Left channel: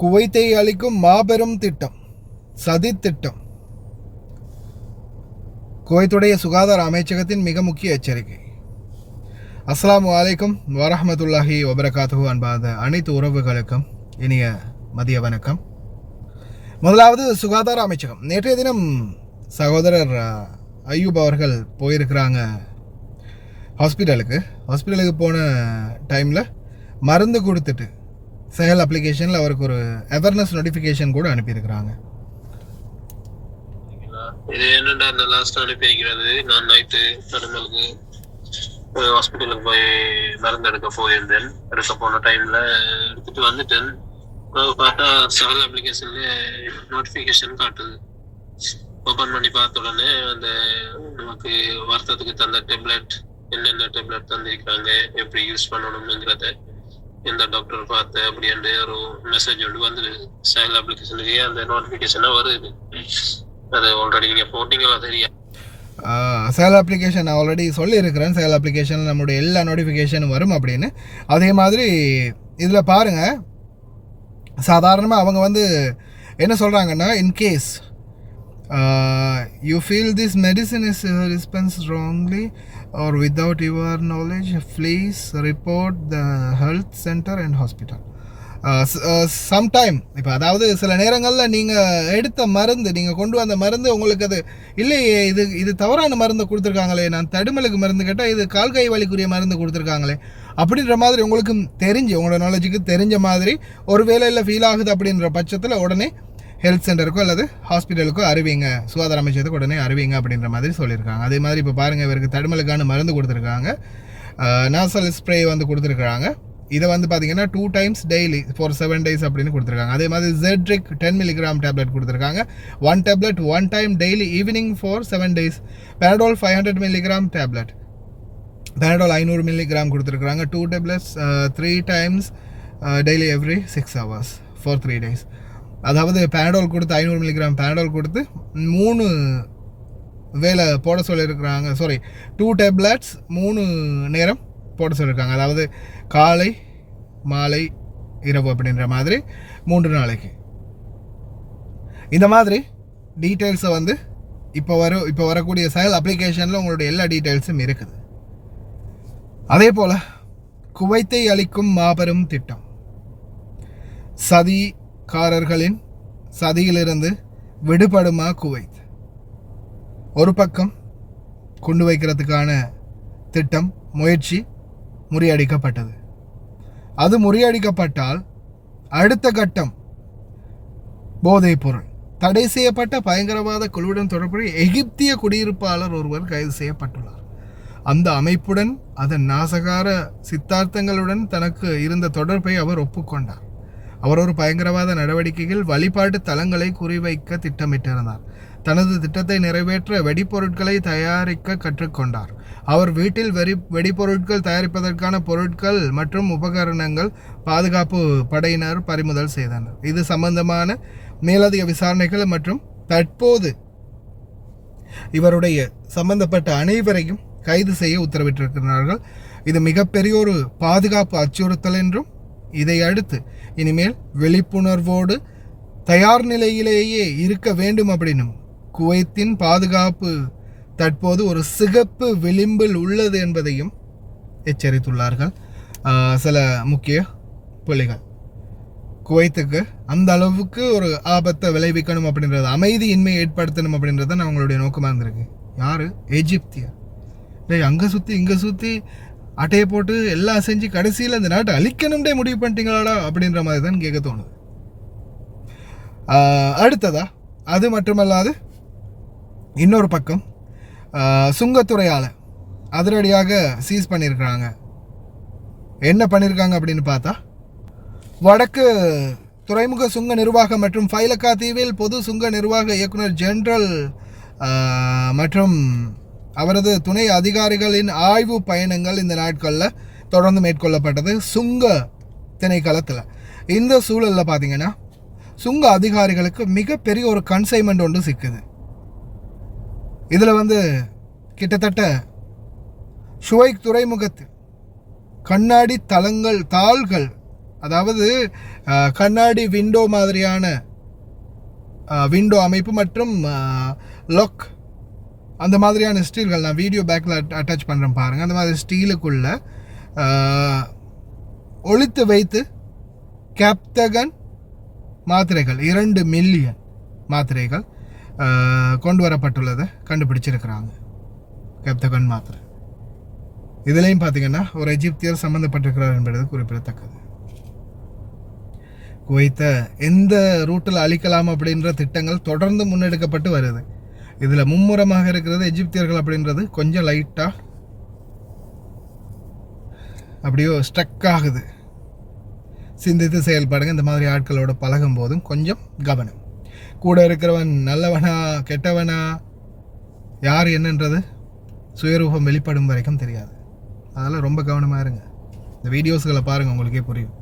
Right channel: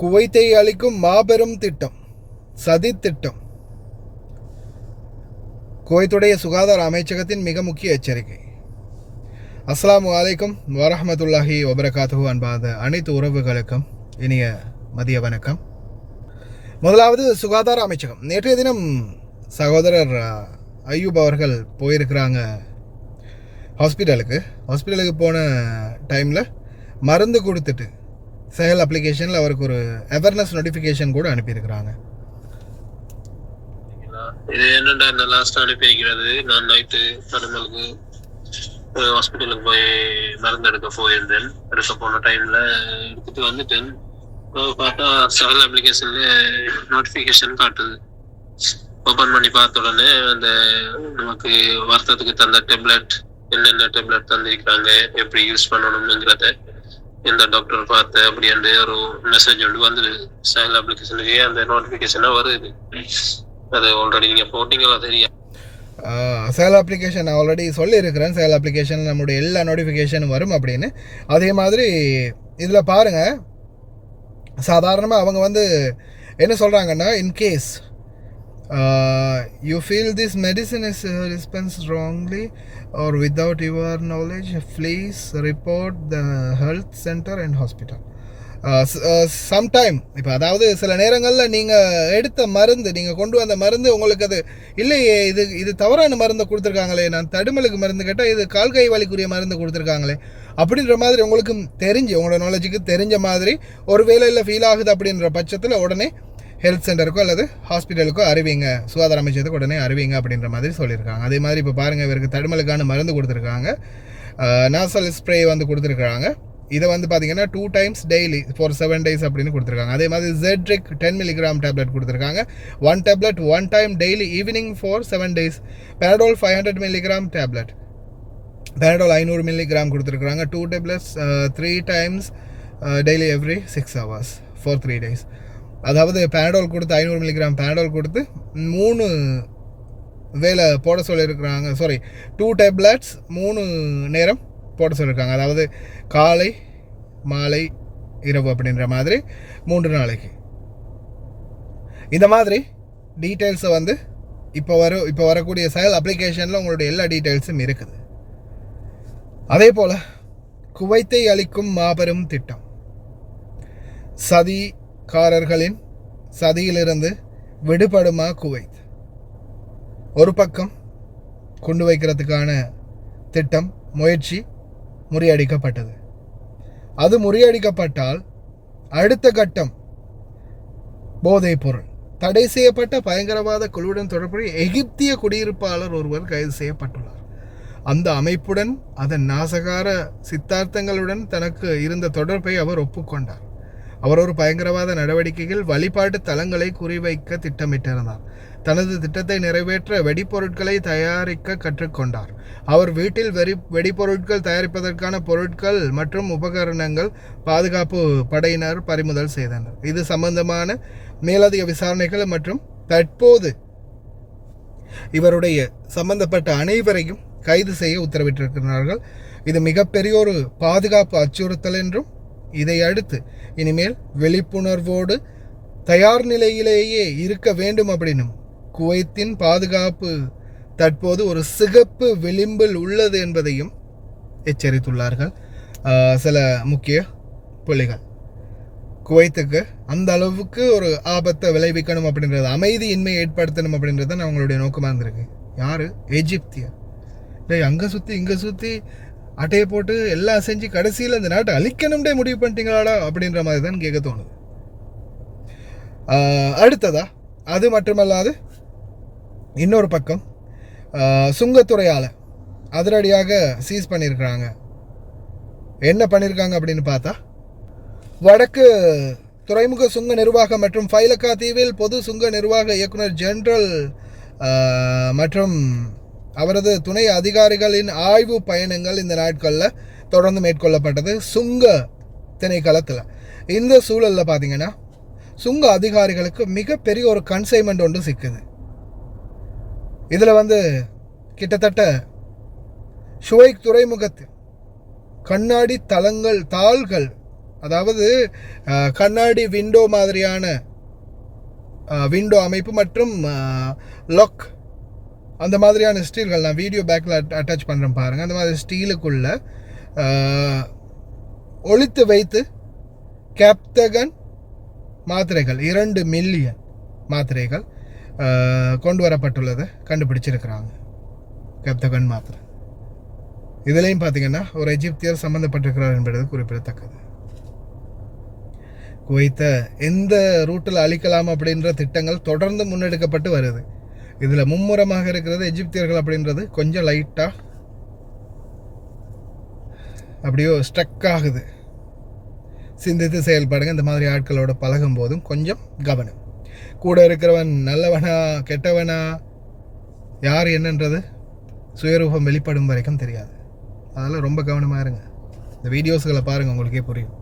குவைத்தை அளிக்கும் மாபெரும் திட்டம், சதி திட்டம். குவைத்துடைய சுகாதார அமைச்சகத்தின் மிக முக்கிய எச்சரிக்கை. அஸ்ஸலாமு அலைக்கும் வரஹ்மத்துல்லாஹி வபரகாத்துஹு. அன்பாத அனைத்து உறவுகளுக்கும் இனிய மதிய வணக்கம். முதலாவது சுகாதார அமைச்சகம். நேற்றைய தினம் சகோதரர் ஐயூப் அவர்கள் போயிருக்கிறாங்க ஹாஸ்பிட்டலுக்கு போன டைமில் மருந்து கொடுத்துட்டு செயல் அப்ளிகேஷனில் அவருக்கு ஒரு அவேர்னஸ் நோட்டிஃபிகேஷன் கூட அனுப்பியிருக்கிறாங்க. இது என்னடா லாஸ்ட் அனுப்பி வைக்கிறது. நான் நைட்டு தடுமலுக்கு ஹாஸ்பிட்டலுக்கு போய் மருந்து எடுக்க போயிருந்தேன். எடுக்க போன டைம்ல எடுத்துட்டு வந்துட்டேன். பார்த்தா செயல் அப்ளிகேஷன்ல நோட்டிஃபிகேஷன் காட்டுது. ஓப்பன் பண்ணி பார்த்த உடனே அந்த நமக்கு வார்த்தத்துக்கு தந்த டேப்லெட், என்னென்ன டேப்லெட் தந்திருக்கிறாங்க, எப்படி யூஸ் பண்ணணும்ங்கிறத எந்த டாக்டர் பார்த்த அப்படின்ட்டு ஒரு மெசேஜ் ஒன்று வந்து செயல் அப்ளிகேஷனுக்கு அந்த நோட்டிஃபிகேஷனாக வருது. அது ஆல்ரெடி நீங்கள் போட்டிங்களா தெரியும். செயல் அப்ளிகேஷன் நான் ஆல்ரெடி சொல்லியிருக்கிறேன். செயல் அப்ளிகேஷன் நம்மளுடைய எல்லா நோட்டிஃபிகேஷனும் வரும் அப்படின்னு. அதே மாதிரி இதில் பாருங்கள், சாதாரணமாக அவங்க வந்து என்ன சொல்கிறாங்கன்னா, in case you feel this medicine is dispensed wrongly or without your knowledge, please report the health center and hospital. Sometime இப்போ அதாவது சில நேரங்களில் நீங்கள் எடுத்த மருந்து, நீங்கள் கொண்டு வந்த மருந்து உங்களுக்கு அது இல்லையே, இது தவறான மருந்தை கொடுத்துருக்காங்களே, நான் தடுமலுக்கு மருந்து கேட்டால் இது கால்கை வலிக்குரிய மருந்து கொடுத்துருக்காங்களே அப்படின்ற மாதிரி உங்களுக்கு தெரிஞ்சு, உங்களோட நாலேஜுக்கு தெரிஞ்ச மாதிரி ஒரு வேலையில் ஃபீல் ஆகுது அப்படின்ற பட்சத்தில் உடனே ஹெல்த் சென்டருக்கோ அல்லது ஹாஸ்பிட்டலுக்கோ அறிவிங்க, சுகாதார அமைச்சத்துக்கு உடனே அறிவிங்க அப்படின்ற மாதிரி சொல்லியிருக்காங்க. அதே மாதிரி இப்போ பாருங்கள், இவருக்கு தடுமலுக்கான மருந்து கொடுத்துருக்காங்க, நாசல் ஸ்ப்ரே வந்து கொடுத்துருக்காங்க. இதை வந்து பார்த்தீங்கன்னா 2 times daily for 7 days அப்படின்னு கொடுத்துருக்காங்க. அதே மாதிரி ஜெட்ரிக் 10 mg டேப்லெட் கொடுத்துருக்காங்க. 1 tablet 1 time daily evening for 7 days. பேரடோல் 500 mg டேப்லெட், பேரடோல் 500 mg கொடுத்துருக்காங்க. 2 tablets 3 times daily every 6 hours for 3 days. அதாவது பேரடோல் கொடுத்து 500 mg பேரடோல் கொடுத்து 3 வேளை போட சொல்லியிருக்கிறாங்க. 2 tablets 3 நேரம் போட சொல்லியிருக்காங்க. அதாவது காலை மாலை இரவு அப்படின்ற மாதிரி 3 நாளைக்கு. இந்த மாதிரி டீட்டெயில்ஸை வந்து இப்போ வரக்கூடிய செயல் அப்ளிகேஷனில் உங்களுடைய எல்லா டீட்டெயில்ஸும் இருக்குது. அதே போல் குவைத்தை அளிக்கும் மாபெரும் திட்டம், சதிகாரர்களின் சதியிலிருந்து விடுபடுமா குவைத்? ஒரு பக்கம் கொண்டு வைக்கிறதுக்கான திட்டம், முயற்சி முறியடிக்கப்பட்டது. அது முறியடிக்கப்பட்டால் அடுத்த கட்டம் போதைப் பொருள். தடை செய்யப்பட்ட பயங்கரவாத குழுவுடன் தொடர்புடைய எகிப்திய குடியிருப்பாளர் ஒருவர் கைது செய்யப்பட்டுள்ளார். அந்த அமைப்புடன் அதன் நாசகார சித்தாந்தங்களுடன் தனக்கு இருந்த தொடர்பை அவர் ஒப்புக்கொண்டார். அவர் ஒரு பயங்கரவாத நடவடிக்கையில் வழிபாட்டு தலங்களை குறிவைக்க திட்டமிட்டிருந்தார். தனது திட்டத்தை நிறைவேற்ற வெடிப்பொருட்களை தயாரிக்க கற்றுக்கொண்டார். அவர் வீட்டில் வெடிப்பொருட்கள் தயாரிப்பதற்கான பொருட்கள் மற்றும் உபகரணங்கள் பாதுகாப்பு படையினர் பறிமுதல் செய்தனர். இது சம்பந்தமான மேலதிக விசாரணைகள் மற்றும் தற்போது இவருடைய சம்பந்தப்பட்ட அனைவரையும் கைது செய்ய உத்தரவிட்டிருக்கிறார்கள். இது மிகப்பெரிய ஒரு பாதுகாப்பு அச்சுறுத்தல் என்றும், இதை அடுத்து இனிமேல் விழிப்புணர்வோடு தயார் நிலையிலேயே இருக்க வேண்டும் அப்படின்னும், குவைத்தின் பாதுகாப்பு தற்போது ஒரு சிகப்பு விளிம்பில் உள்ளது என்பதையும் எச்சரித்துள்ளார்கள் சில முக்கிய புள்ளிகள். குவைத்துக்கு அந்த அளவுக்கு ஒரு ஆபத்தை விளைவிக்கணும் அப்படின்றது, அமைதியின்மை ஏற்படுத்தணும் அப்படின்றது தான் அவங்களுடைய நோக்கமாக இருந்திருக்கு. யார்? எஜிப்தியர். அங்கே சுற்றி இங்கே சுற்றி அட்டையை போட்டு எல்லாம் செஞ்சு கடைசியில் இந்த நாட்டை அழிக்கணும்டே முடிவு பண்ணிட்டீங்களாடா அப்படின்ற மாதிரி தான் கேட்க தோணுது. அடுத்ததா அது மட்டுமல்லாது இன்னொரு பக்கம் சுங்கத்துறையால் அதிரடியாக சீஸ் பண்ணியிருக்கிறாங்க. என்ன பண்ணியிருக்காங்க அப்படின்னு பார்த்தா, வடக்கு துறைமுக சுங்க நிர்வாகம் மற்றும் ஃபைலக்கா தீவில் பொது சுங்க நிர்வாக இயக்குனர் ஜெனரல் மற்றும் அவரது துணை அதிகாரிகளின் ஆய்வு பயணங்கள் இந்த நாட்களில் தொடர்ந்து மேற்கொள்ளப்பட்டது சுங்க திணைக்களத்தில். இந்த சூழலில் பார்த்தீங்கன்னா சுங்க அதிகாரிகளுக்கு மிகப்பெரிய ஒரு கன்சைன்மெண்ட் ஒன்று சிக்குது. இதில் வந்து கிட்டத்தட்ட ஷுவைக் துறைமுகத்து கண்ணாடி தாள்கள் அதாவது கண்ணாடி விண்டோ மாதிரியான விண்டோ அமைப்பு மற்றும் லாக் அந்த மாதிரியான ஸ்டீல்கள் நான் வீடியோ பேக்கில் அட்டாச் பண்ணுறேன் பாருங்கள். அந்த மாதிரி ஸ்டீலுக்குள்ள ஒளித்து வைத்து கேப்டகன் மாத்திரைகள் 2 மில்லியன் மாத்திரைகள் கொண்டு வரப்பட்டுள்ளதை கண்டுபிடிச்சிருக்கிறாங்க. கேப்டகன் மாத்திரை இதுலேயும் பார்த்தீங்கன்னா ஒரு எஜிப்தியர் சம்மந்தப்பட்டிருக்கிறார் என்பது குறிப்பிடத்தக்கது. குவைத்தை எந்த ரூட்டில் அழிக்கலாம் அப்படின்ற திட்டங்கள் தொடர்ந்து முன்னெடுக்கப்பட்டு வருது. இதில் மும்முரமாக இருக்கிறது எஜிப்தியர்கள் அப்படின்றது கொஞ்சம் லைட்டாக அப்படியோ ஸ்ட்ரக் ஆகுது. சிந்தித்து செயல்படுங்க. இந்த மாதிரி ஆட்களோட பழகும் போதும் கொஞ்சம் கவனம். கூட இருக்கிறவன் நல்லவனா கெட்டவனா யார் என்னன்றது சுயரூபம் வெளிப்படும் வரைக்கும் தெரியாது. அதெல்லாம் ரொம்ப கவனமாக இருங்க. இந்த வீடியோஸ்களை பாருங்கள், உங்களுக்கே புரியும்.